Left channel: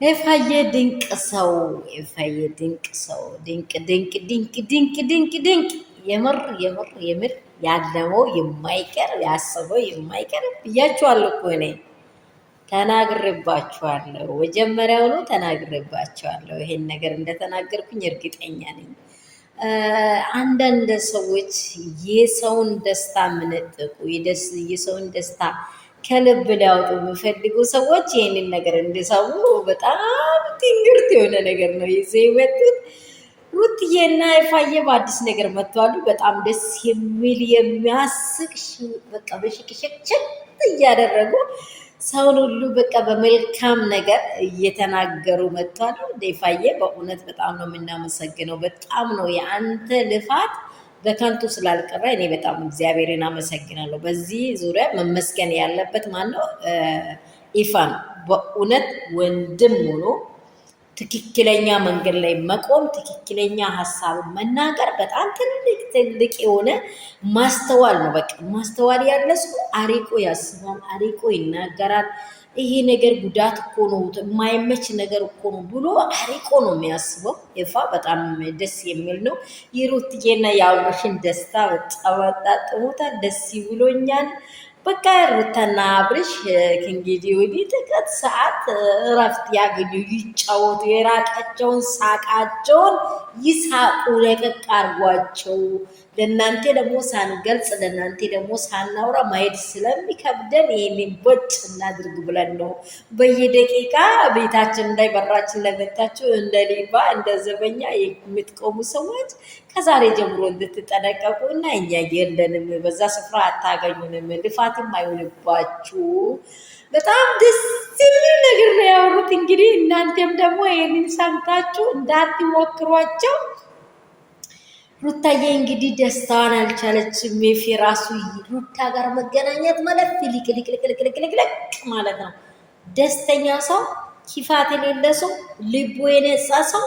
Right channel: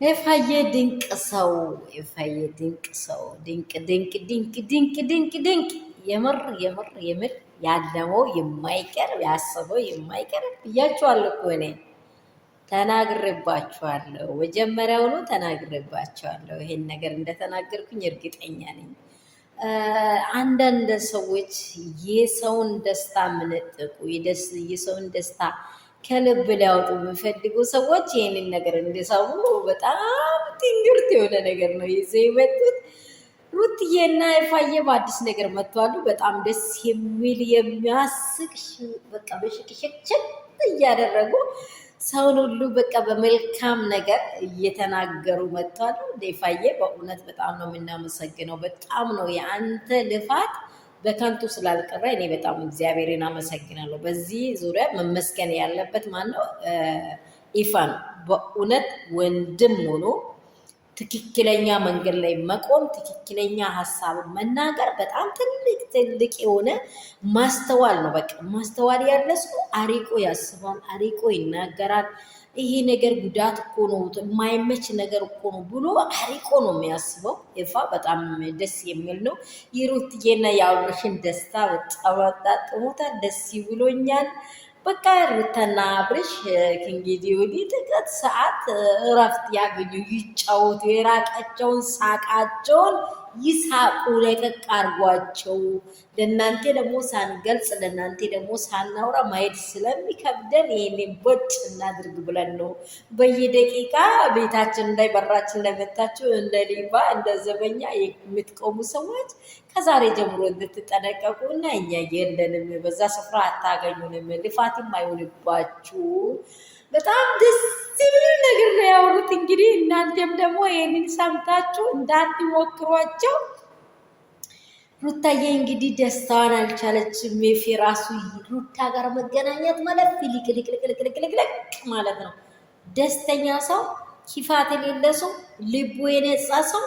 ኤፋዬ ድንቅ ሰው ኤፋዬ ድንቅ ሰው ድንቅ ድንቅ ድንቅ ድንቅ ድንቅ ድንቅ የምር የምር የምር ያለመው የማይቀር ያሰበው የማይቀር ብያችኋለሁ እኮ እኔ ተናግሬባችኋለሁ። መጀመሪያውኑ ተናግሬባችኋለሁ። ይሄን ነገር እንደተናገርኩኝ እርግጠኛ ነኝ። አንዳንድ ሰዎች የሰውን ደስታ የምነጥቁ የሰውን ደስታ ከልብ ሊያወጡ የሚፈልጉ ሰዎች ይህንን ነገር እንዲሰሙ በጣም ትንግርት የሆነ ነገር ነው ይዘው የመጡት። ሩትዬና ኤፋዬ በአዲስ ነገር መጥተዋሉ። በጣም ደስ የሚል የሚያስቅ በቃ በሽቅሽቅችል እያደረጉ ሰውን ሁሉ በቃ በመልካም ነገር እየተናገሩ መጥተዋል። ኤፋዬ በእውነት በጣም ነው የምናመሰግነው። በጣም ነው የአንተ ልፋት በከንቱ ስላልቀረ እኔ በጣም እግዚአብሔርን አመሰግናለሁ። በዚህ ዙሪያ መመስገን ያለበት ማነው? ኢፋ ነው። በእውነት ወንድም ሆኖ ትክክለኛ መንገድ ላይ መቆም፣ ትክክለኛ ሀሳብ መናገር በጣም ትልቅ ትልቅ የሆነ ማስተዋል ነው። በቃ ማስተዋል ያለ ሰው አሪቆ ያስባል፣ አሪቆ ይናገራል። ይሄ ነገር ጉዳት እኮ ነው፣ የማይመች ነገር እኮ ነው ብሎ አሪቆ ነው የሚያስበው። ኤፋ በጣም ደስ የሚል ነው። የሩትዬና የአብርሽን ደስታ በጣም አጣጥሞታል። ደስ ይብሎኛል። በቃ ሩታና አብርሽ ከእንግዲህ ወዲህ ጥቂት ሰዓት እረፍት ያገኙ፣ ይጫወቱ፣ የራቃቸውን ሳቃቸውን ይሳቁ፣ ለቀቅ አርጓቸው። ለእናንተ ደግሞ ሳንገልጽ ለእናንተ ደግሞ ሳናውራ ማየት ስለሚከብደን ይህንን ቦጭ እናድርግ ብለን ነው በየደቂቃ ቤታችን ላይ በራችን ላይ መታችሁ እንደ ሌባ እንደ ዘበኛ የምትቆሙ ሰዎች ከዛሬ ጀምሮ እንድትጠነቀቁ እና እኛ የለንም፣ በዛ ስፍራ አታገኙንም፣ ልፋትም አይሆንባችሁ። በጣም ደስ የሚል ነገር ነው ያወሩት። እንግዲህ እናንተም ደግሞ ይህንን ሰምታችሁ እንዳትሞክሯቸው። ሩታዬ እንግዲህ ደስታዋን አልቻለችም። ሜፊ ራሱ ሩታ ጋር መገናኘት ማለት ሊቅልቅልቅልቅልቅልቅ ማለት ነው። ደስተኛው ሰው፣ ኪፋት የሌለ ሰው፣ ልቡ የነጻ ሰው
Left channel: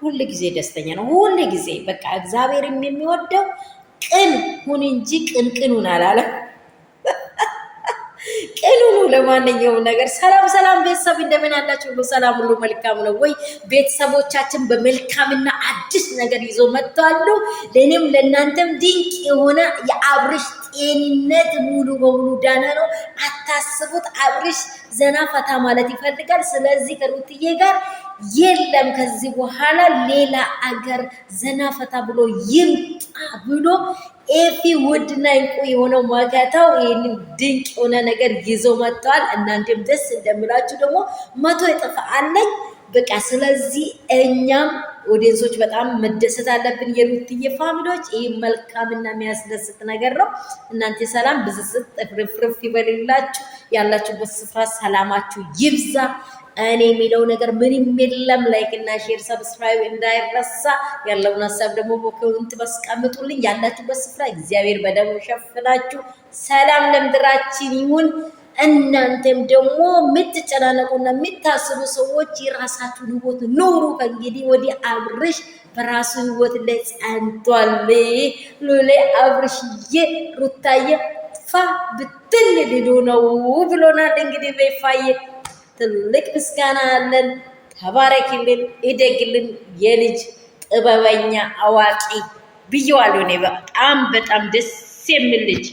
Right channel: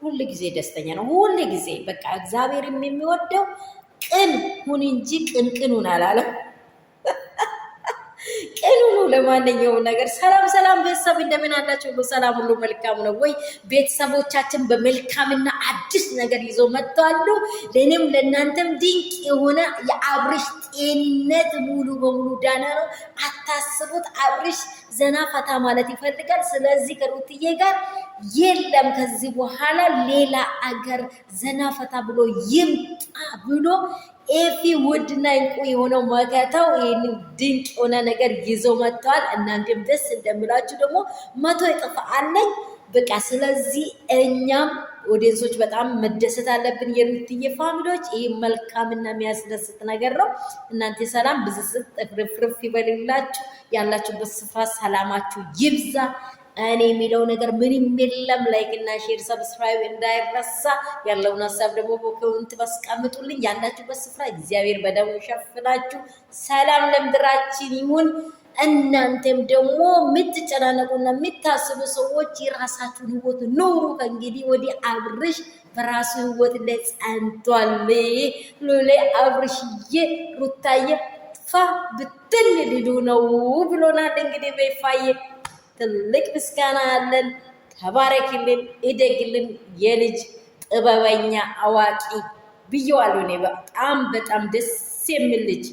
ሁል ጊዜ ደስተኛ ነው። ሁል ጊዜ በቃ እግዚአብሔር የሚወደው ቅን ሁን እንጂ ቅንቅኑን አላለም። ቅን ሁኑ። ለማንኛውም ነገር ሰላም ሰላም ቤተሰብ እንደምን አላችሁ? ሰላም ሁሉ መልካም ነው ወይ? ቤተሰቦቻችን በመልካምና አዲስ ነገር ይዘው መጥተዋል። ለእኔም ለእናንተም ድንቅ የሆነ የአብርሽ ጤንነት ሙሉ በሙሉ ዳና ነው። አታስቡት። አብርሽ ዘና ፈታ ማለት ይፈልጋል። ስለዚህ ከሩትዬ ጋር የለም ከዚህ በኋላ ሌላ አገር ዘና ፈታ ብሎ ይምጣ ብሎ ኤፊ ውድና እንቁ የሆነው መከታው ይህንን ድንቅ የሆነ ነገር ይዘው መጥተዋል። እናንተም ደስ እንደምላችሁ ደግሞ 100 እጥፍ አለኝ። በቃ ስለዚህ እኛም ኦዲየንሶች በጣም መደሰት አለብን። የሩትዬ ፋሚሊዎች ይህ መልካምና የሚያስደስት ነገር ነው። እናንተ ሰላም ብዝስጥ ፍርፍርፍ ይበልላችሁ። ያላችሁበት ስፍራ ሰላማችሁ ይብዛ። እኔ የሚለው ነገር ምንም የለም። ላይክ እና ሼር ሰብስክራይብ እንዳይረሳ። ያለውን ሀሳብ ደግሞ በኮሜንት ባስቀምጡልኝ። ያላችሁበት ስፍራ እግዚአብሔር በደሙ ሸፍናችሁ ሰላም ለምድራችን ይሁን። እናንተም ደግሞ የምትጨናነቁና የምታስቡ ሰዎች የራሳችሁን ህይወት ኑሩ። ከእንግዲህ ወዲህ አብርሽ በራሱ ህይወት ላይ ጸንቷል። ሉሌ አብርሽዬ ሩታዬ ፋ ብትን ልዱ ነው ብሎናል። እንግዲህ በይፋዬ ትልቅ ምስጋና አለን። ተባረክልን፣ ይደግልን፣ የልጅ ጥበበኛ አዋቂ ብየዋለሁ። እኔ በጣም በጣም ደስ የሚል ልጅ